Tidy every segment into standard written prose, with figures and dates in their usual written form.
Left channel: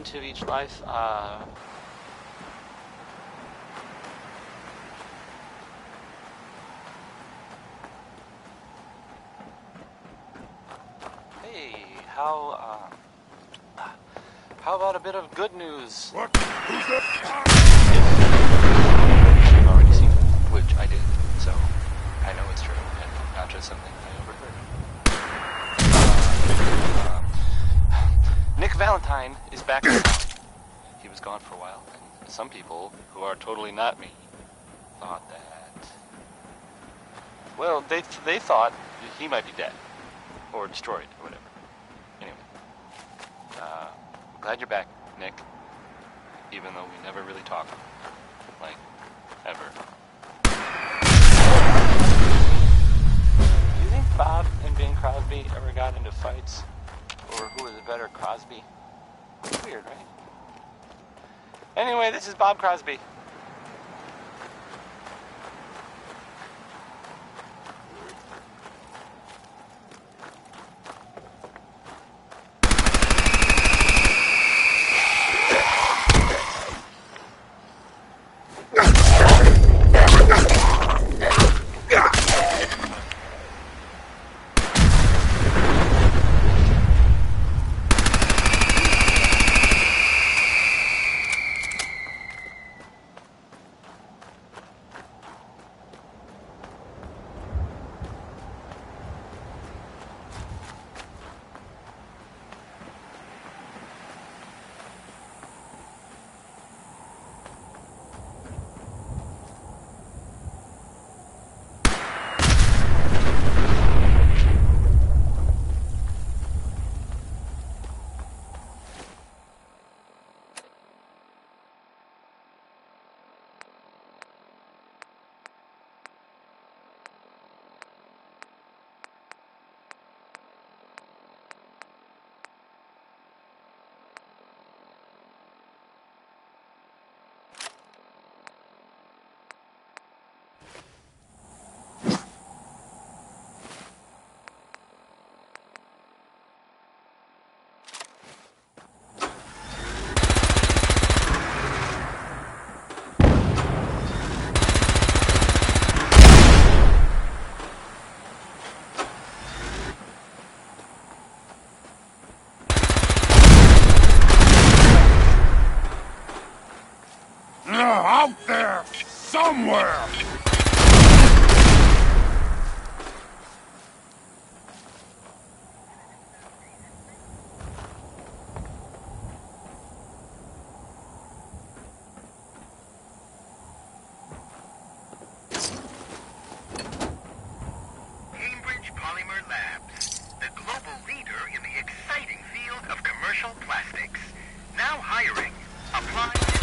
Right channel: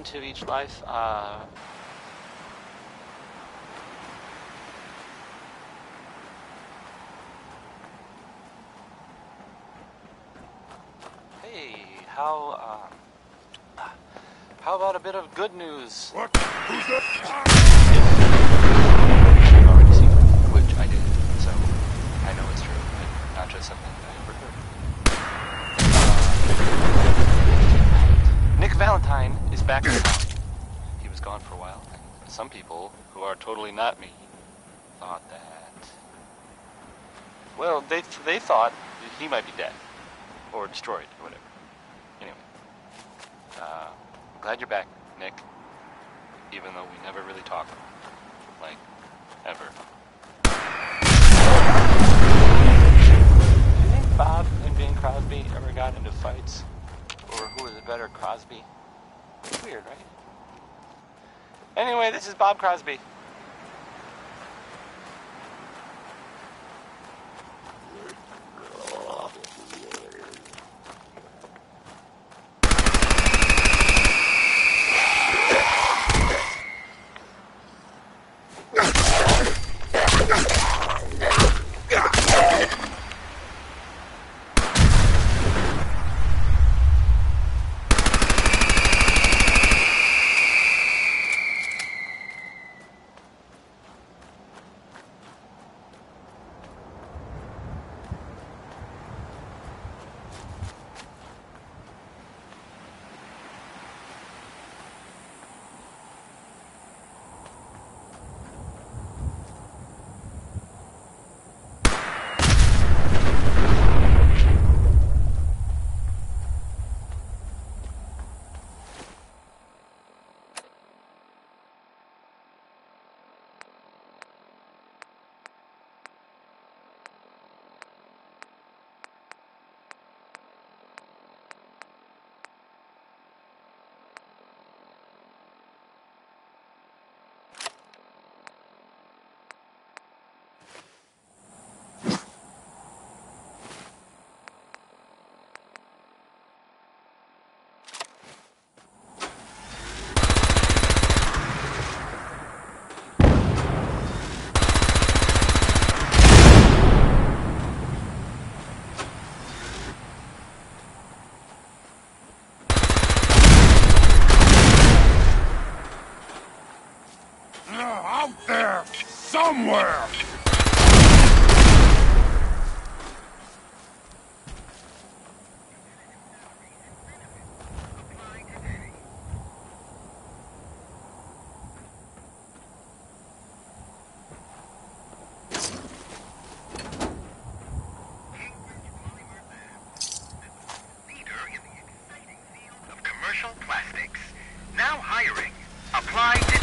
into each life. Hey, how about a bit of good news? What? Who's that? You've already seen it, which I did, so I know it's true, and not just something I overheard. Nick Valentine is back in town. He was gone for a while, and some people, who are totally not me, thought that... Well, they thought he might be dead, or destroyed, or whatever. Anyway, I'm glad you're back, Nick, even though we never really talked, like, ever. Do you think Bob and Bing Crosby ever got into fights? Or who was the better, Crosby? Weird, right? Anyway, this is Bob Crosby. Out there! Somewhere! Cambridge Polymer Labs, the global leader in the exciting field of commercial plastics. Now hiring. Apply today.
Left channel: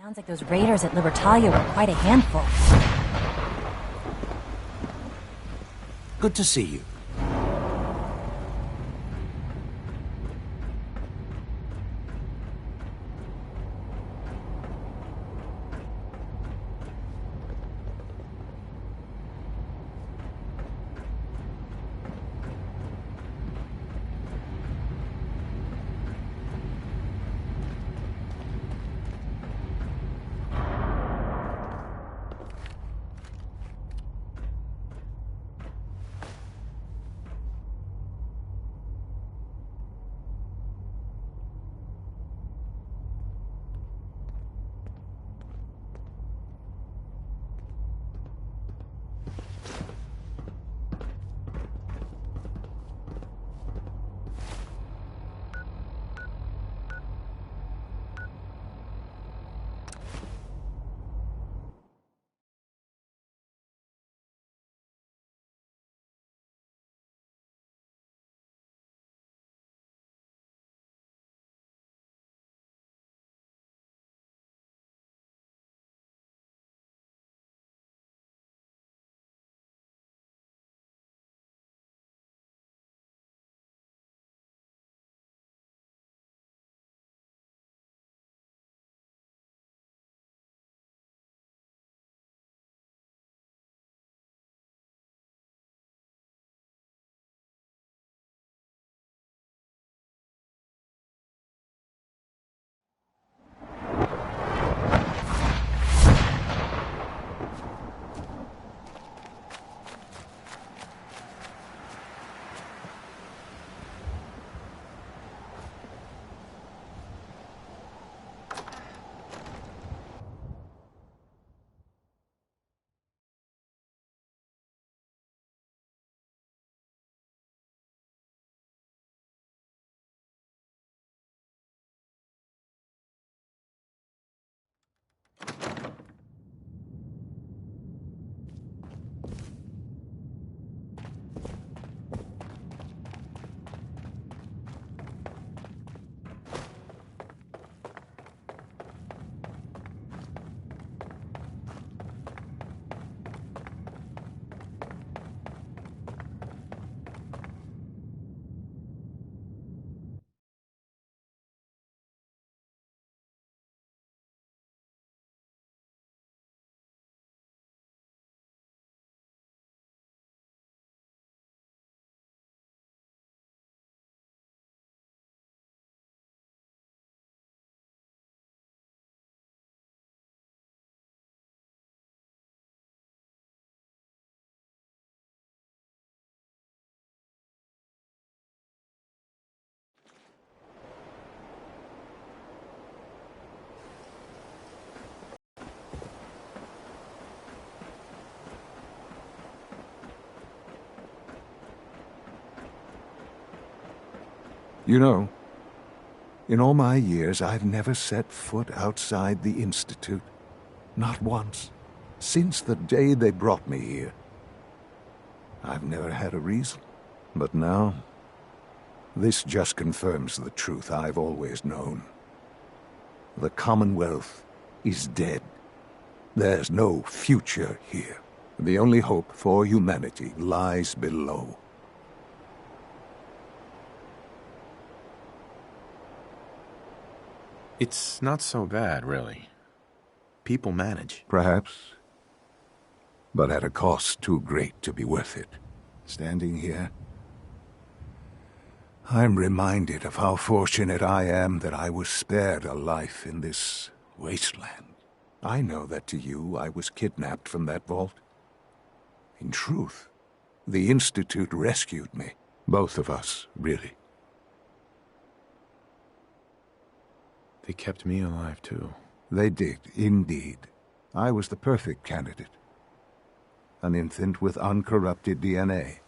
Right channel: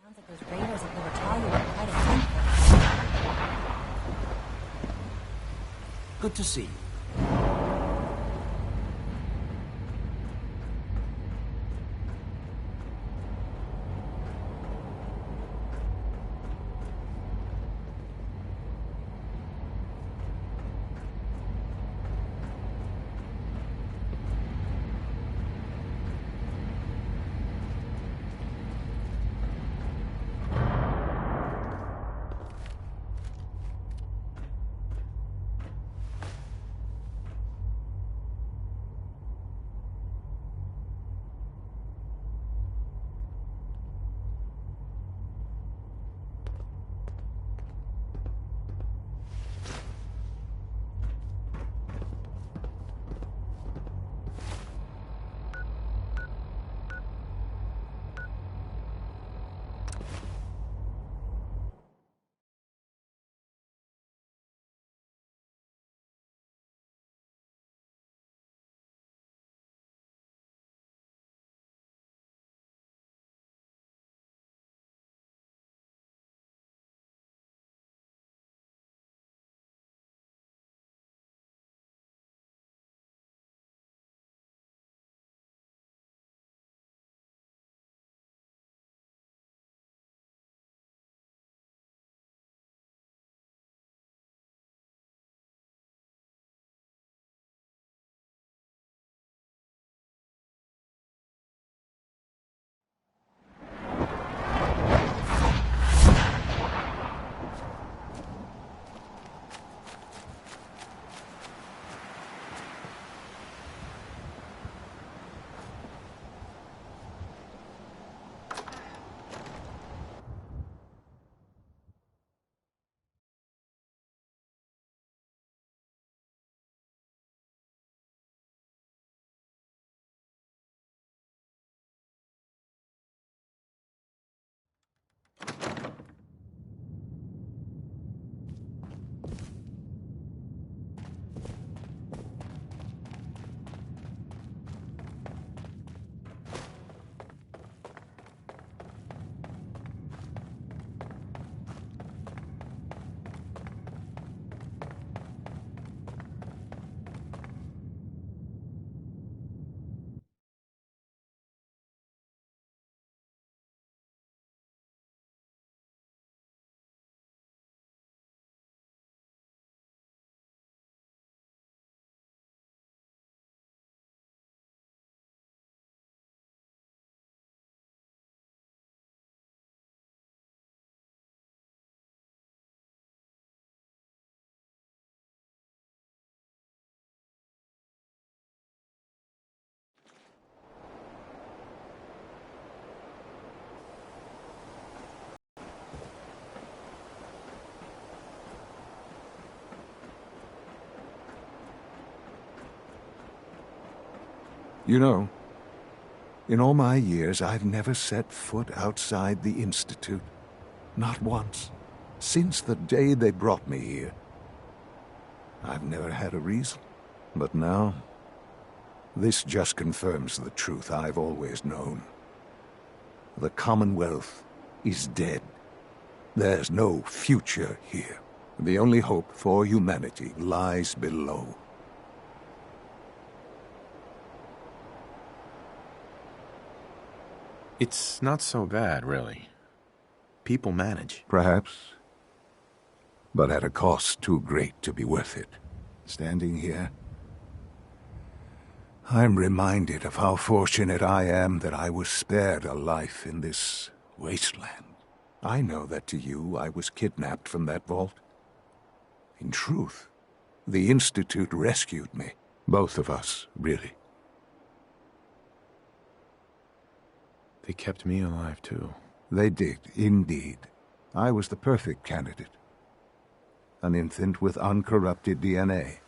Sounds like those raiders at Libertalia were quite a handful. Good to see you. You know, in all my years, I've never set foot outside the Institute. Not once. Since the day they brought me here. I've never had a reason. But now, this just confirms the truth I've always known. The Commonwealth is dead. There's no future here. The only hope for humanity lies below. It's not so bad, really. People manage. Perhaps. But at a cost too great to be worth it. Standing here, I'm reminded of how fortunate I am that I was spared a life in this wasteland. I know that to you, I was kidnapped from that vault. In truth, the Institute rescued me. Both of us, really. They kept me alive, too. They did, indeed. I was the perfect candidate. An infant with uncorrupted DNA.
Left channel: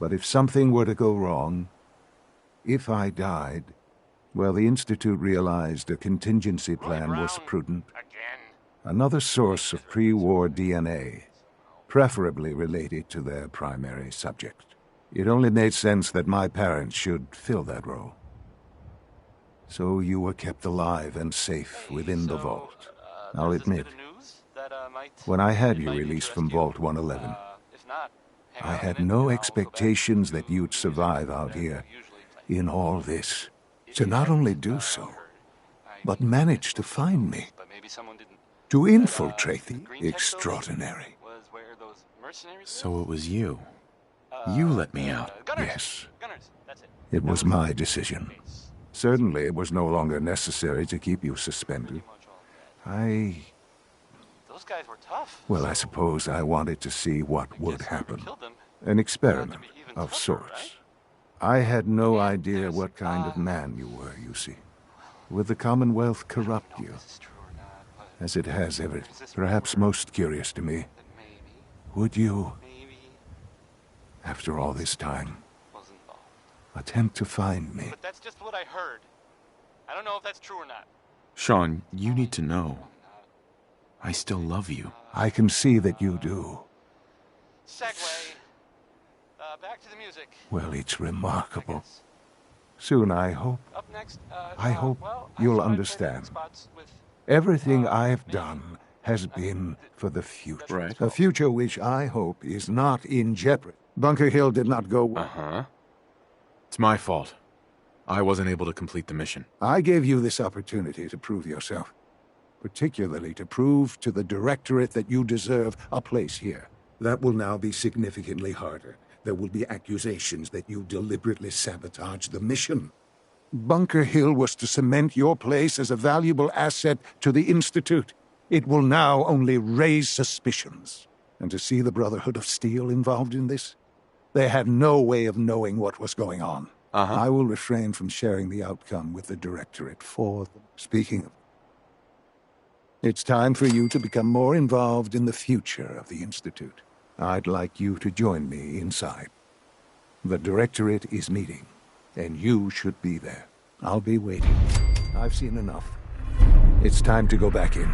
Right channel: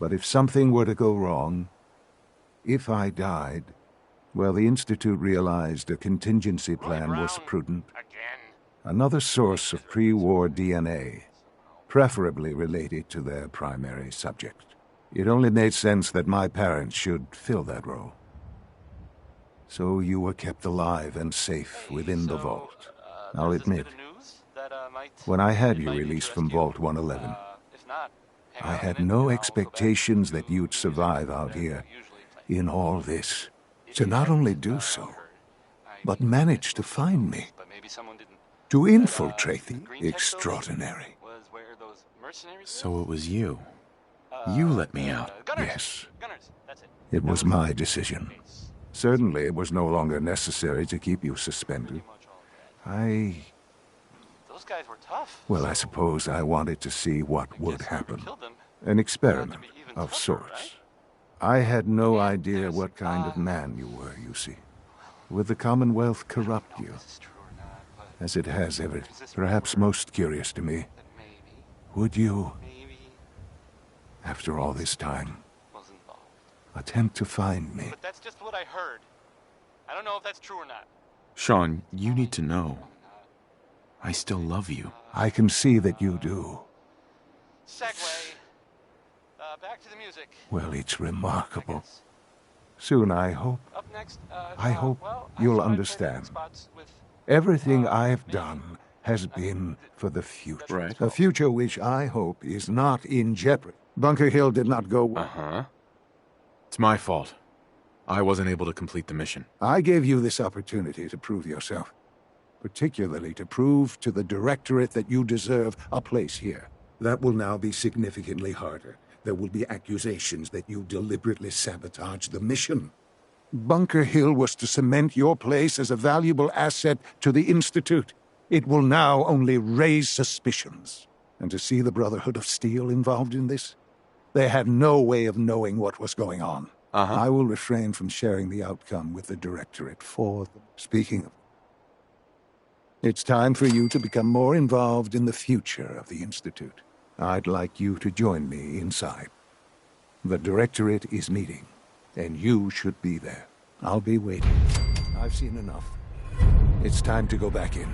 But if something were to go wrong, if I died, well, the Institute realized a contingency plan was prudent. Another source of pre-war DNA, preferably related to their primary subject. It only made sense that my parents should fill that role. So you were kept alive and safe within the vault. I'll admit, when I had you released from Vault 111, I had no expectations that you'd survive out here in all this. To not only do so, but manage to find me. To infiltrate the extraordinary. So it was you. You let me out. Yes. It was my decision. Certainly it was no longer necessary to keep you suspended. Those guys were tough. Well, I suppose I wanted to see what would happen. An experiment of sorts. I had no idea what kind of man you were, you see. Would the Commonwealth corrupt you? As it has ever, perhaps most curious to me. Would you, after all this time, attempt to find me? But that's just what I heard. I don't know if that's true or not. Sean, you need to know. I still love you. I can see that you do. Segway. Back to the music. Well, it's remarkable. Soon, I hope. Up next, I hope well, you'll I saw understand. spots with, Everything I've done has been for the future. Right. A future which I hope is not in jeopardy. Bunker Hill did not go well. Uh-huh. It's my fault. I wasn't able to complete the mission. I gave you this opportunity to prove yourself. Particularly to prove to the Directorate that you deserve a place here. That will now be significantly harder. There will be accusations that you deliberately sabotaged the mission. Bunker Hill was to cement your place as a valuable asset to the Institute. It will now only raise suspicions. And to see the Brotherhood of Steel involved in this? They had no way of knowing what was going on. I will refrain from sharing the outcome with the Directorate for them. Speaking of, it's time for you to become more involved in the future of the Institute. I'd like you to join me inside. The Directorate is meeting, and you should be there. I'll be waiting. I've seen enough. It's time to go back in.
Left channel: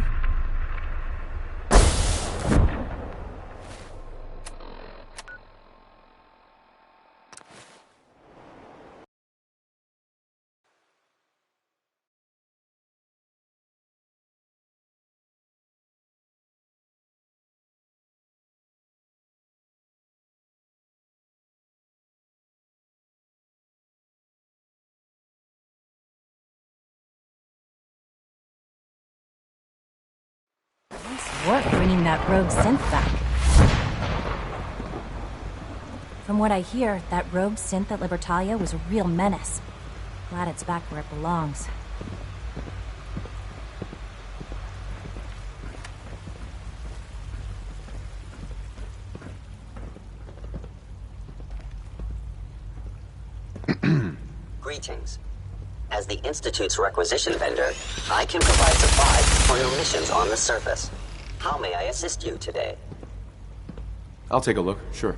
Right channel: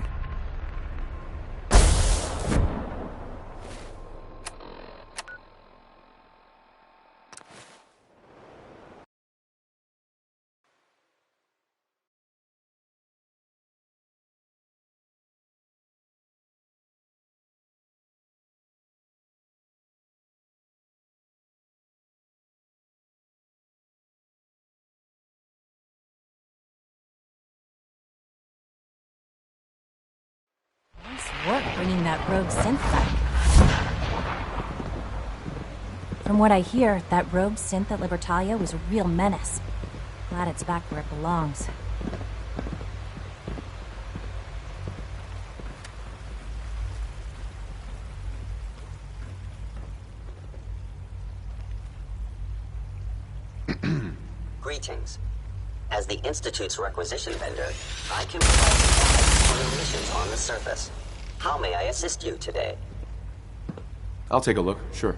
Nice work bringing that rogue synth back. From what I hear, that rogue synth at Libertalia was a real menace. Glad it's back where it belongs. Greetings. As the Institute's requisition vendor, I can provide supplies for your missions on the surface. How may I assist you today? I'll take a look, sure.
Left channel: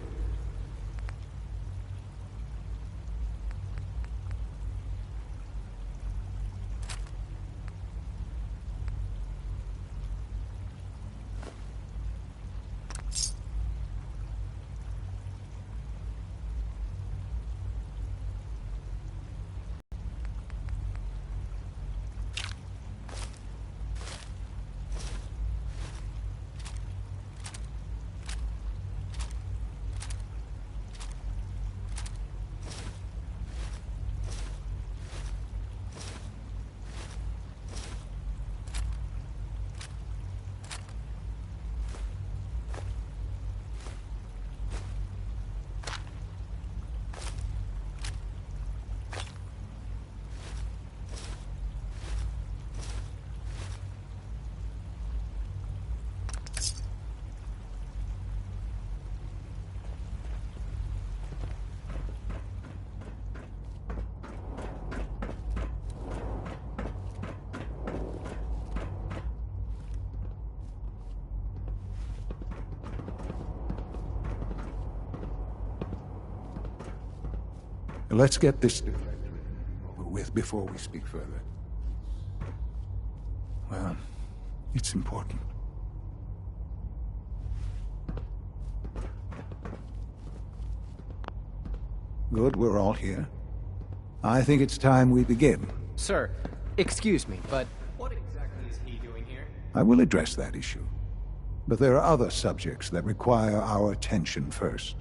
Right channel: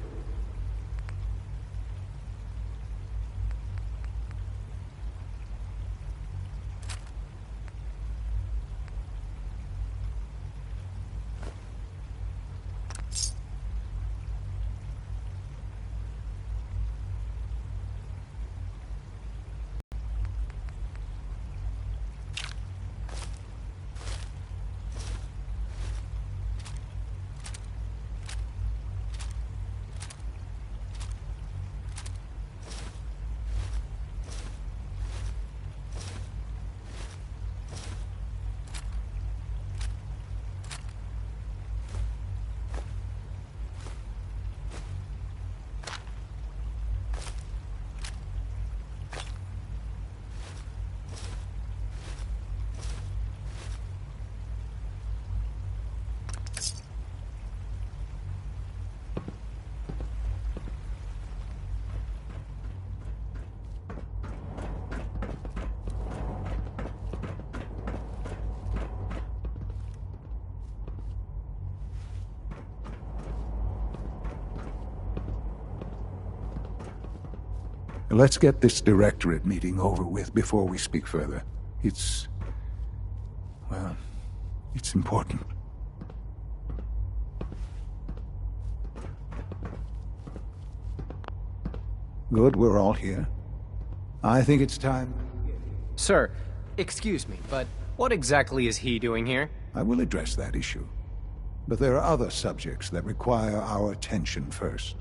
Let's get this directorate meeting over with before we speak further. Well, it's important. Good, we're all here. I think it's time we begin. Sir, excuse me, but what exactly is he doing here? I will address that issue. But there are other subjects that require our attention first.